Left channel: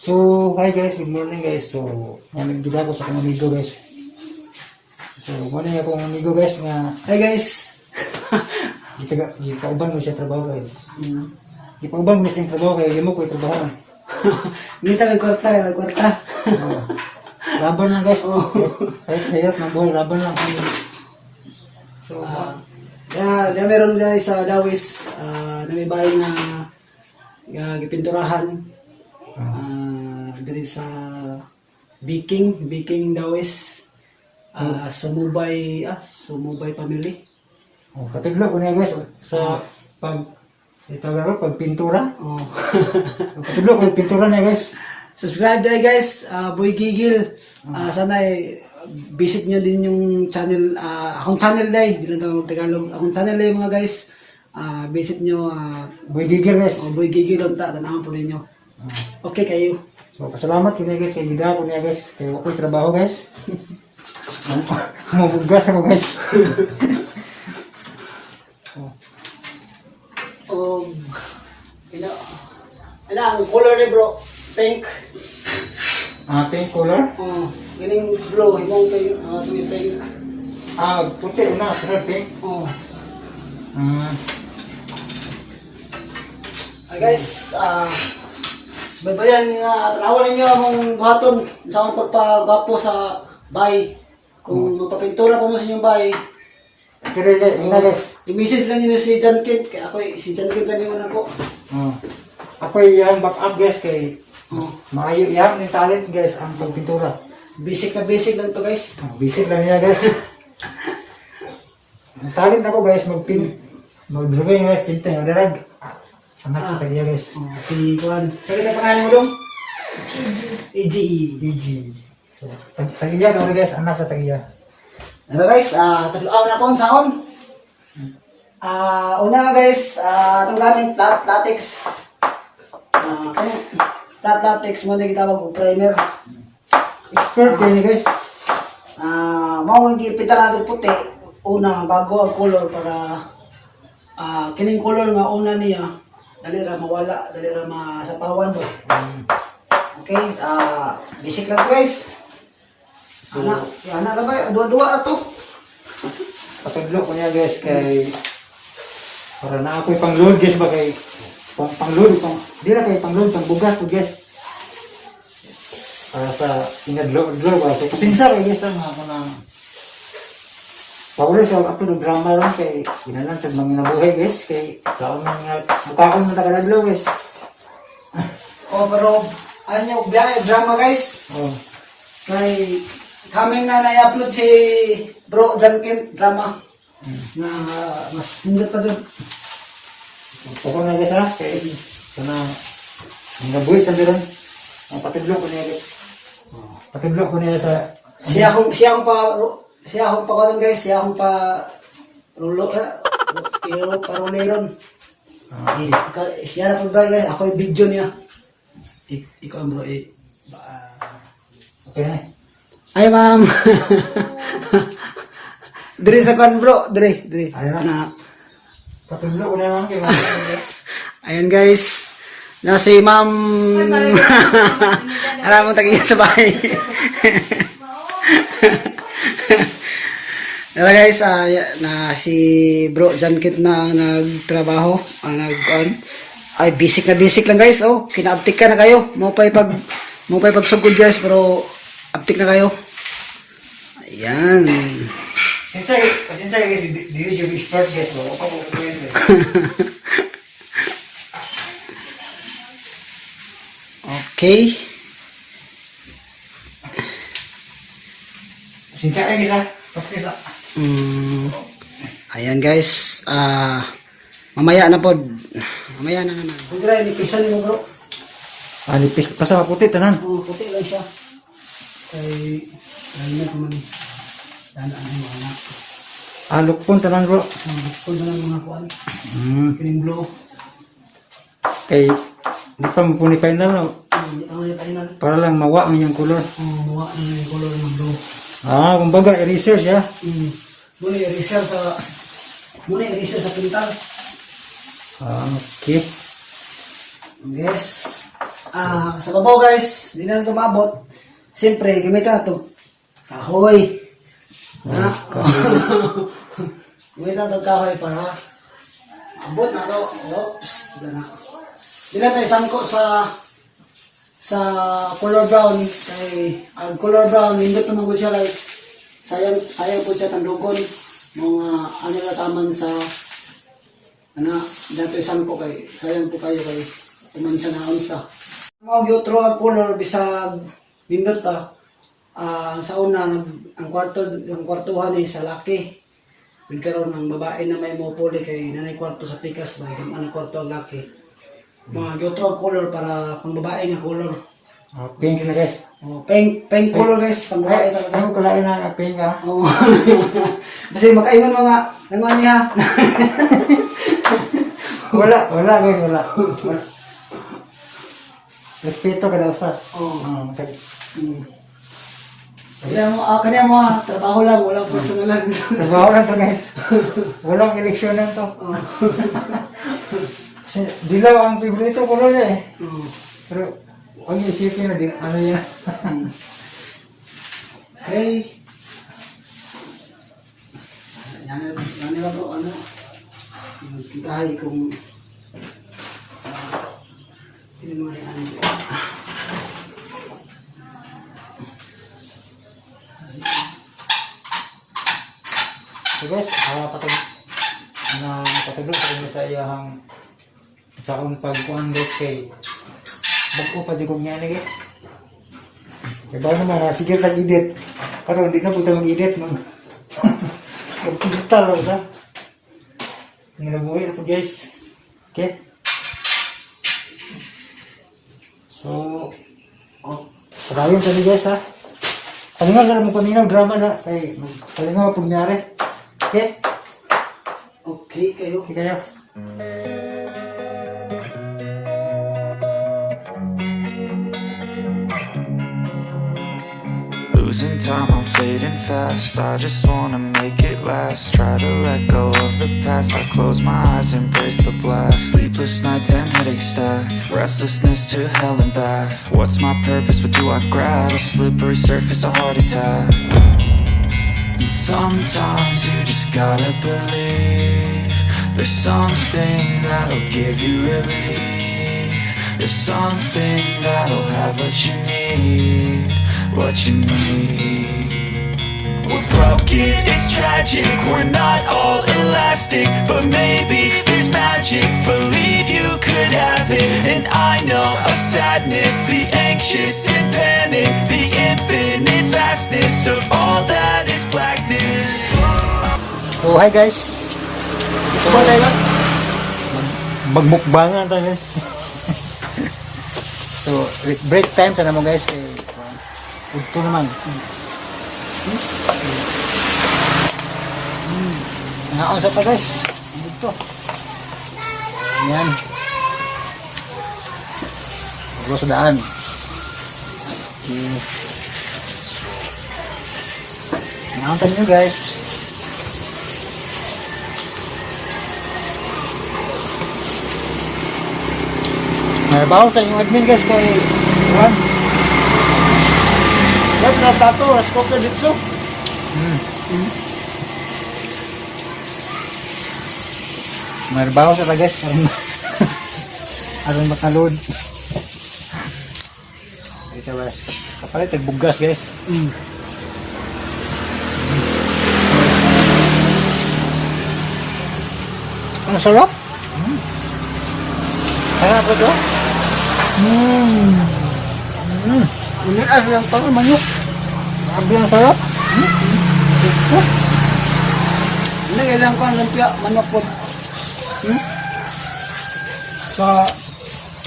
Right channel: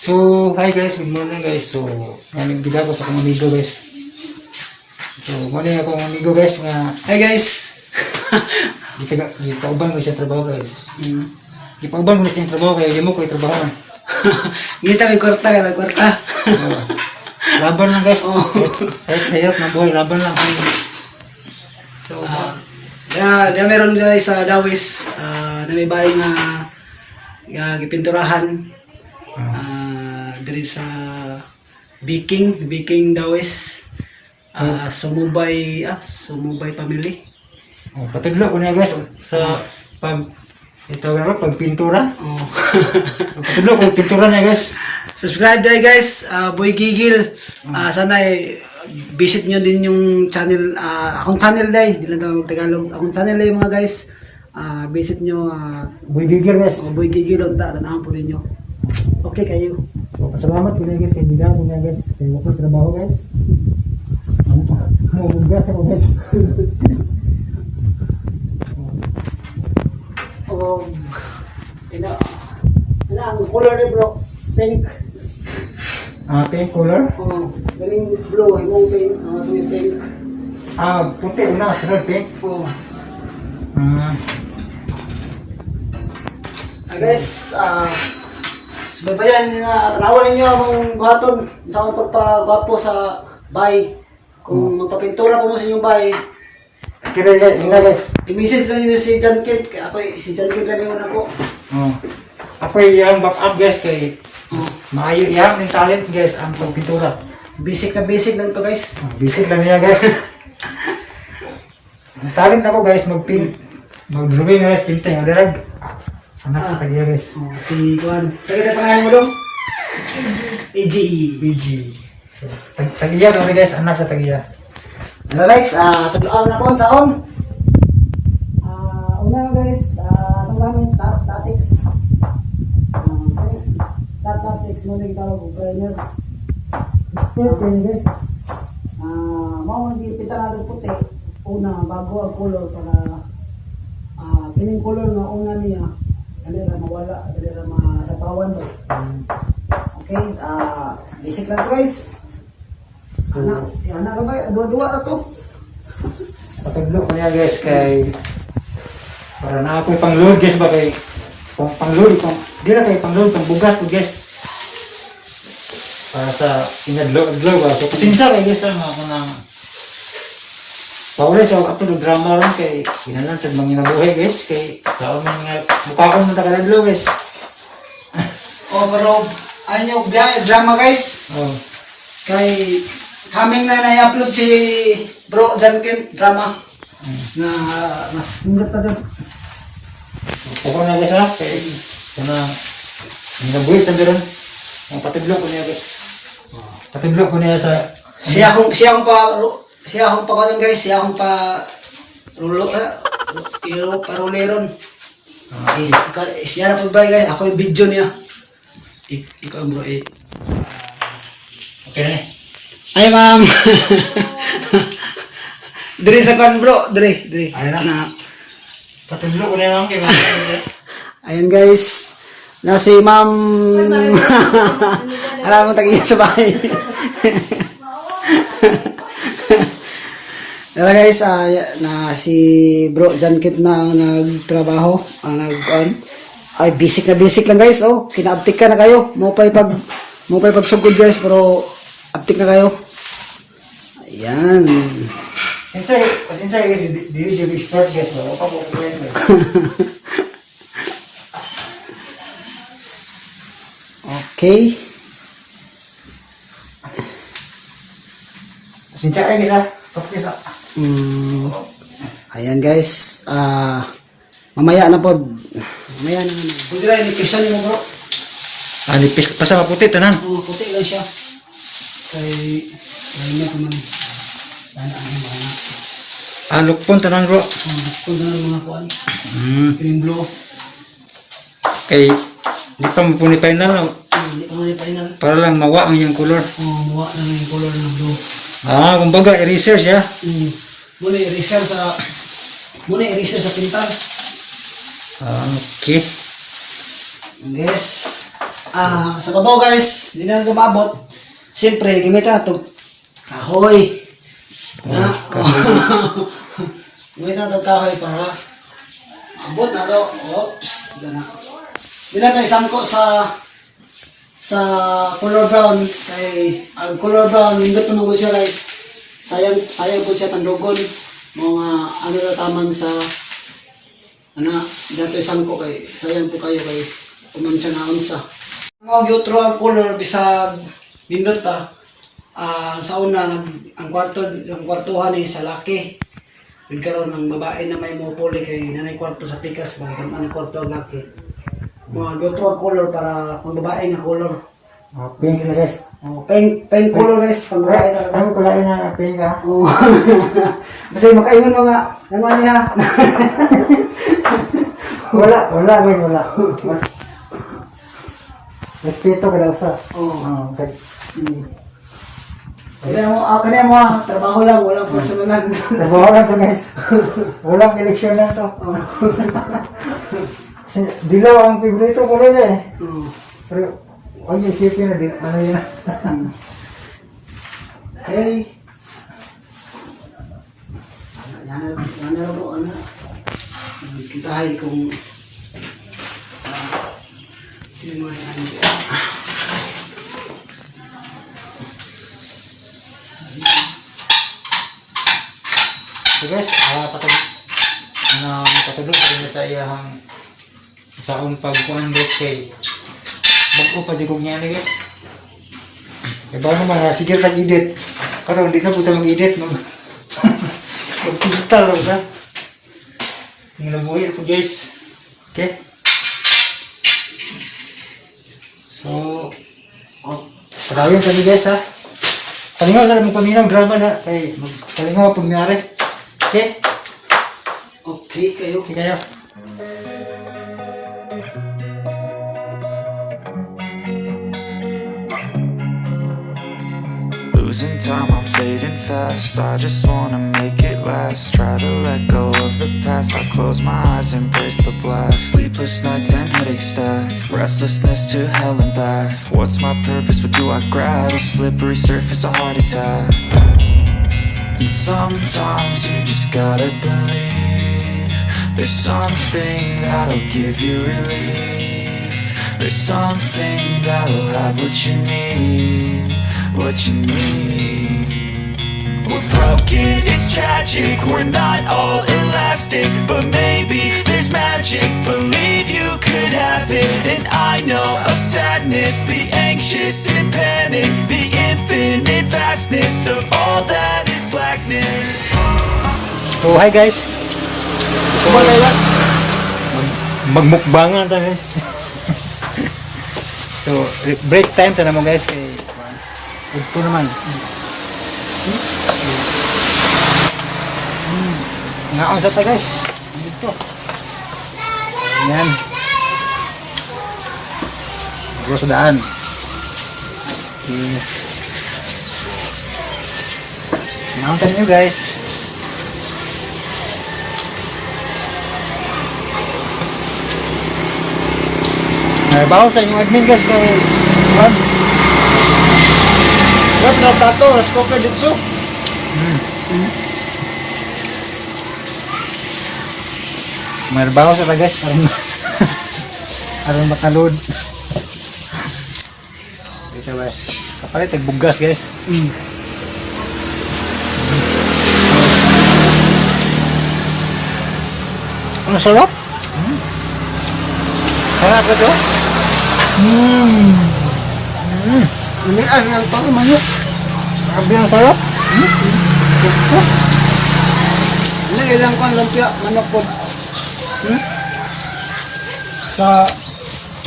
So, hi guys, good morning guys. So, ngayon gila ko sa akong amigo guys. So, morning akong amigo guys nga, Hi guys. gipauban ko sa trabaho guys. Gipauban ko sa trabaho kaya mo ko trabaho. Ngita may kwarta kay may kwarta. Laban lang guys. Kahit sa hirap ng buhay, laban lang kami. So, Da meron guys sa Dawis na may bahay nga gipinturahan. Diri sa Biking Dawis. Sumubay family. patidlo ko niya guys sa pag pintura. Oh. Patidlo ko pintura niya guys. Subscribe tayo guys, Boy Gigil. Sana visit nyo din yung channel, akong channel dahil, hindi lang tayo mag-Tagalog. Akong channel dahil mga guys, visit nyo, Boy Gigil guys. Boy Gigil, tanahan po rin nyo. Okay kayo. So, pasalamat ko niya guys, kaya bigyan mo niya guys, kaya ako trabaho guys. Mabugas ako guys. Ang color niya bro, pink. Pink color? Galing blue, himong pink, ito pink. Puti na, sunod pink. Guys, subaybayan na tanawan ninyo akong buhaton sa akong pagpagwapo sa bahay. Kung magpapintura po mo sa inyong bahay, Kira guys, ina guys. i-message lang ninyo si Jankit. Ako si Jankit lang yung una po. Ako yung back up guys, kay maayo yan yung talent guys, ang pagpintura. Basic na basic lang to guys. Basic lang niya guys. Ang talent ako guys, mag-rubin guys, pinting, adarag. Anak sa kanya guys. Si Juan. Sige na pangalan mo dong? EG. EG. So, Tagiya to guys, anak sa Tagiya. Ano guys, tagluang na kong saon. Una nga guys, itong gamit, latex. Latex mo na gitawag o primer. Expert kayo ni guys. Mao ang gipita na itong puti. Una, bago ang color para kining color nga una niya, dali ra mawala, dali ra masapawan ba. Okay, basic lang to guys. Ana ra ba? Dua-dua na to. Pataglo ko niya guys kay para na ako'y pang-load guys ba kay pang-load, di na kay pang-load, pang-bugas po guys. Para sa inadlo ba. So pasensya kay guys lang ako nang paulit sa upload ng drama lang kay kinalan sa mga nabuhay guys kay sa unang mukha ko na takadadlo guys. Pero ano biya drama guys. Kay coming na na-upload si Bro Janken drama. Na mas tindat pa doon. Pukul na guys ha kay kana nabuhay sa meron. Ang patudlo ko niya guys. Patudlo ko niya sa Siya akong pa guys, siya akong pa rulo pero paruliron. Siya na pagbay guys, ako yung video niya. Ikaw bro okay. Ay ma'am. Diri sa kan bro, diri. Ay na. Patudlo ko niya lang kay Ayun guys, na si ma'am. Alam mo tagiya sa bahay. Pero guys, na si Bro Jankit na nagtrabaho, ay basic lang guys. Kinaaptik ka na kayo. Mo pa'y pagsugod guys, pero aptik na kayo. Ayan. Pasensya guys, di yung expert guys ba? Opa mo ko yun. Okay. Pasensya kayo guys ha. Practice ha. Ayan guys, mamaya na po. Mamaya na. Pwede na, inipisan mo bro. Nipis pa sa maputi tanan. Puti lang siya. Kay, na naman. Danaan mo anak. Lukpon tanan bro. Kung na mga kuan. Green blue. Kay di pa mo puni final no. Hindi pa may final. Para lang mawa ang yung color. Mawa na yung color ng blue. Kumbaga i-research ya. Muna i-research sa pintal. Okay. Yes. Sa kabaw guys, di na lumabot. Siyempre, gamitan na ito. Kahoy. Gamitan na ito kahoy para abot na ito. Oops. Di na tayo sangko sa color brown. Kay ang color brown, hindi pa nunggo siya guys. Sayang po siya tandugon. Mga ano na taman sa dito isang ko kay sayang po kayo kay umansya na unsa. Mga giotro ang color bisag nindot pa. Sa una ang kwartuhan ni sa laki. Nagkaroon ng babae na may mupuli kay nanay kwarto sa pikas ba ang kwarto ang laki. Mga giotro ang color para pang babae na color. Pink na guys. Pink color guys, pang babae talaga. Ay, kulay na pink ah. Oo. Basta makaingon mo nga, nanguan niya. Wala guys, wala. Respeto ka daw sa. Oo. Sa Kanya mo trabaho lang, walang personalan. trabaho lang to guys. Walang eleksyon na to. Kasi dilaw ang favorito ko rin eh. Pero huwag niyo isipin na ano yan. Okay. Yan na po, kitahin kung yung mga yan. So guys, patulog sa inyo sa iyahang saon pagkuhan kay bago pa digong niya na guys. Diba naman, sige tag-edit. Karoon, hindi na po tayo mag-edit. Mag-digital lang ba? Nabuhay po guys. Okay? So, pagkawin sa guys ha. Palingaw sa lang paminaw, drama na. Okay, palingaw po nangyari. Okay? Okay kayo. Okay kayo. Losing time, I'm fading fast. I just wanna make it last. Try to let go of the past. I close my eyes, embrace the blast. Sleepless nights and headaches stack. Restlessness to hell and back. What's my purpose? What do I grab? A slippery surface, a heart attack. And sometimes you just gotta believe there's something that'll give you relief. There's something that'll have what you need. What you need. We're broken, it's tragic. We're not all elastic, but maybe there's magic. Believe you could have it. And I know of sadness, the anxious and panic, the infinite vastness of all that is blackness. So hi guys. Magmukbangan tayo guys. So break time sana mo guys kay ito naman. Ngaon sa ta guys. Dito. Ayan. Bro sa daan. Okay. Ngaon nyo guys. Bawo sa inyong admin guys kay Mas natato, mas cooker dito. May bawo sa guys aron matalod. Dito guys. Kapalit bugas guys. Ang sarap. Sarap ko to. Hindi, yung tanong manok. Sabi ang sarap. Hindi, ilang kong lumpia, manok po. Sa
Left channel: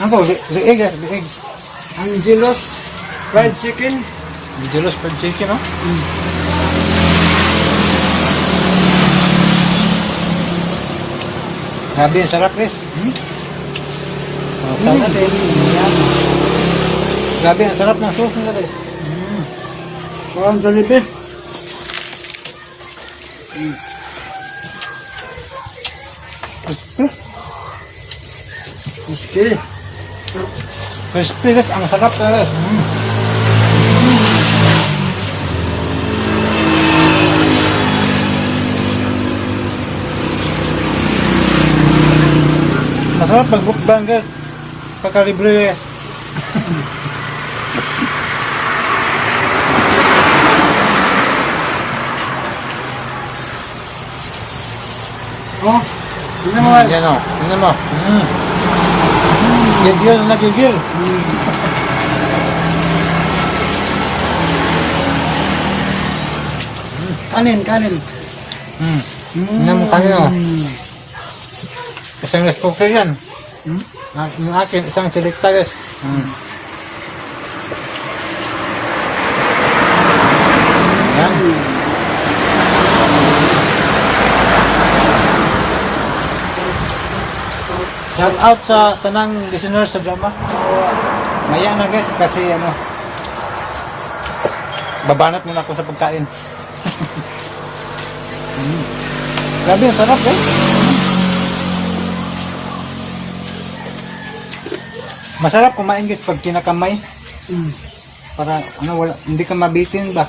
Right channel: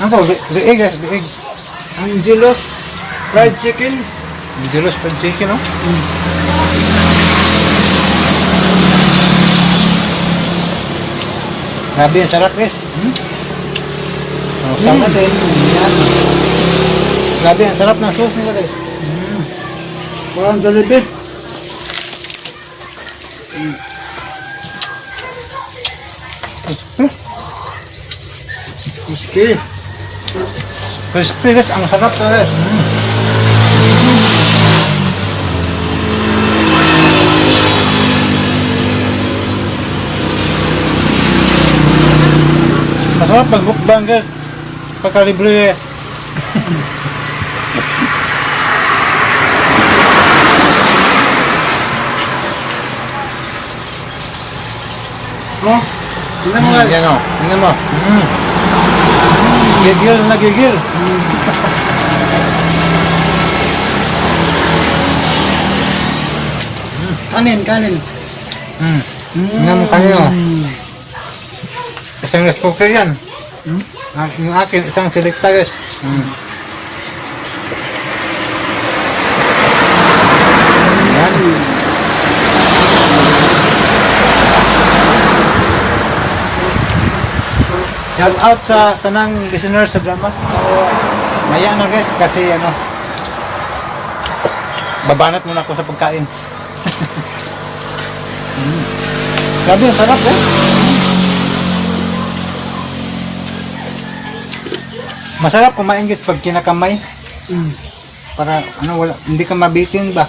Ano to? Liig guys. Liig. Angelos fried chicken. Angelos fried chicken no? Grabe ang sarap guys. Sarap natin. Grabe ang sarap ng sauce nila guys. Parang Jollibee. Okay. Crispy guys, ang sarap guys. Masarap magbukbang guys. Pagkalibre. Oh, tingnan mo. Yan o, tingnan mo. Gigil na gigil. Kanin. Tingnan mo kayo. Isang rice cooker yan. Yung akin, isang selecta guys. Yan. Shout out sa tanang listeners sa drama. Maya na guys kasi ano, babanat muna ako sa pagkain. Grabe, ang sarap guys. Masarap kumain guys pag kinakamay. Para ano, wala, hindi ka mabitin ba?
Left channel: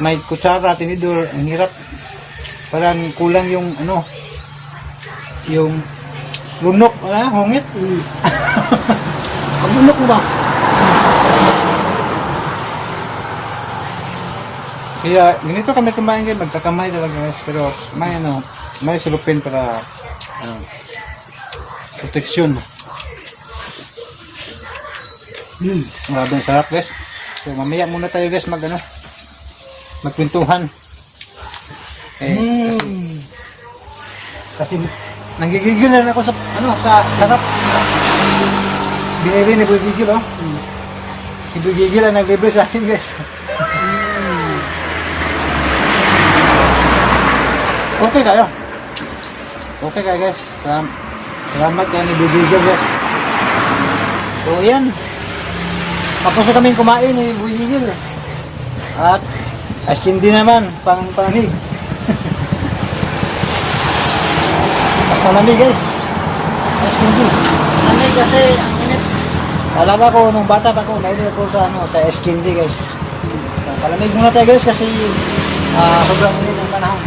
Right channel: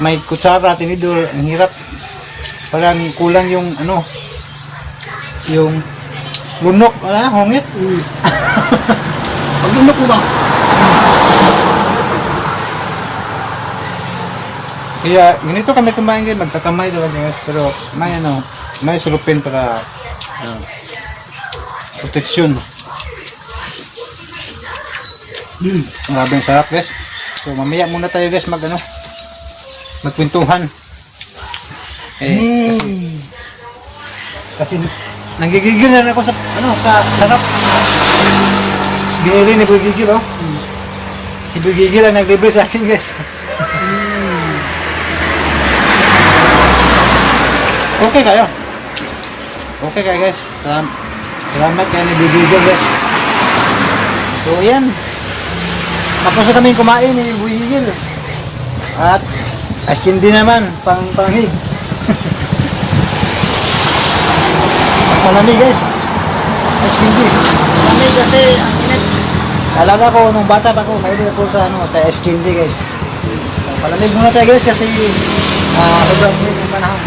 May kutsara, tinidor, ang hirap. Parang kulang yung ano, yung lunok, hongit. Pag lunok mo ba? Kaya ganito kami kumain guys, magkakamay daw guys. Pero may ano, may sulupin para proteksyon. Grabe ang sarap guys. So mamaya muna tayo guys magkwentuhan. Kasi nanggigigil na rin ako sa sarap. Binili ni Boy Gigil oh. Si Boy Gigil ang naglibre sa akin guys. Okay kayo. Okay kayo guys. Salamat kayo ni Boy Gigil guys. So yan. Tapos na kami kumain ni Boy Gigil. At askin din naman, panglamig. Panglamig guys. Askin din. Panglamig kasi, Alala ko nung bata pa ako, mahilig ako sa askin din guys. Palamig muna tayo guys kasi sobrang init ng panahon.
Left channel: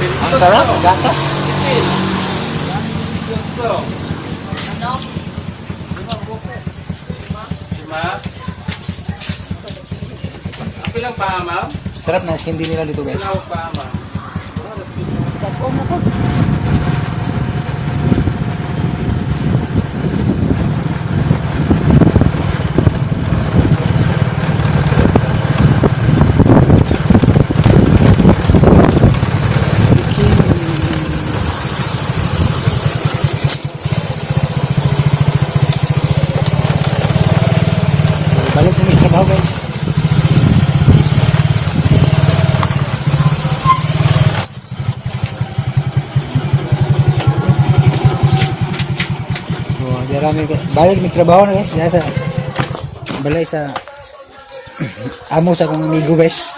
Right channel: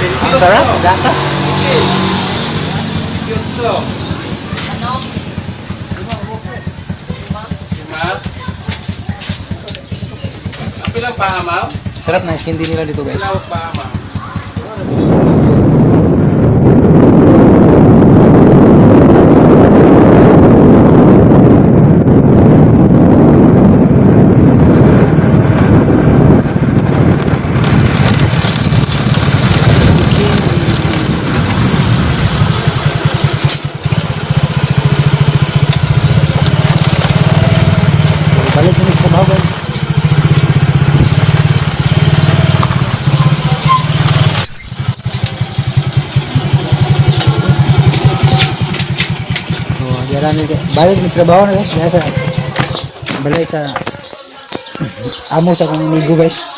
Ang sarap, gatas. Sarap na askin din nila dito guys. Balik may trabaho na guys, nasa balik sa amo sa kong amigo guys.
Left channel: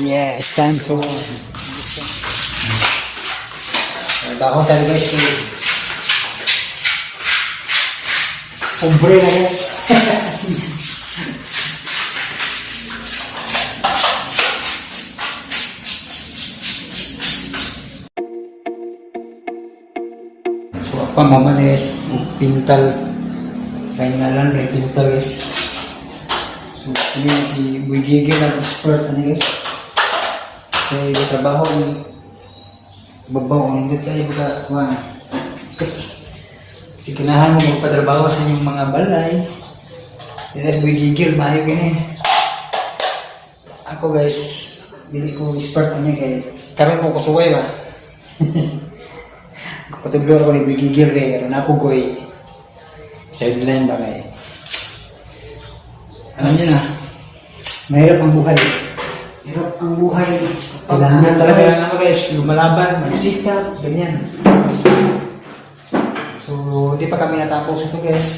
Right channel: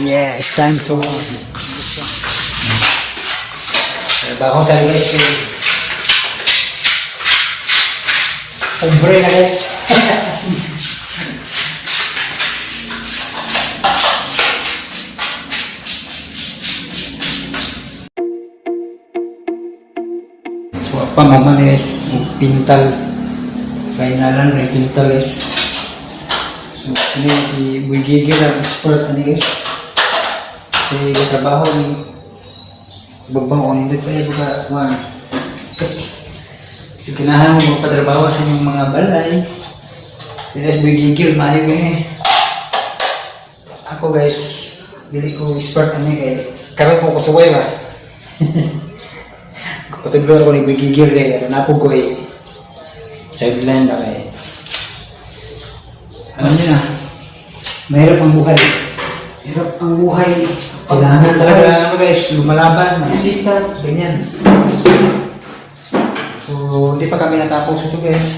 Yeah, it's time to trabaho tayo guys. Sabre na guys. Pangamalis, pintal. Finalan, pintal guys. So, ini si Boy Gigil ang expert ano guys. Kasi trabaho ni babang ko hindi tayo buka. Si kinahan mo magpatrabaho sa inyong mga balay. Si Boy Gigil, maayo eh. Ako guys, dili ko expert ano kay karon ko kusuway ba. Patudlo ako ni Boy Gigil kaya napog ko eh sideline ba kaya alam niyo na mahirap ang buhay. Hirap ang buhay. Kailangan talaga ano guys, lumalaban, magsikap, ganyan. So hindi pa kami natapos ito guys.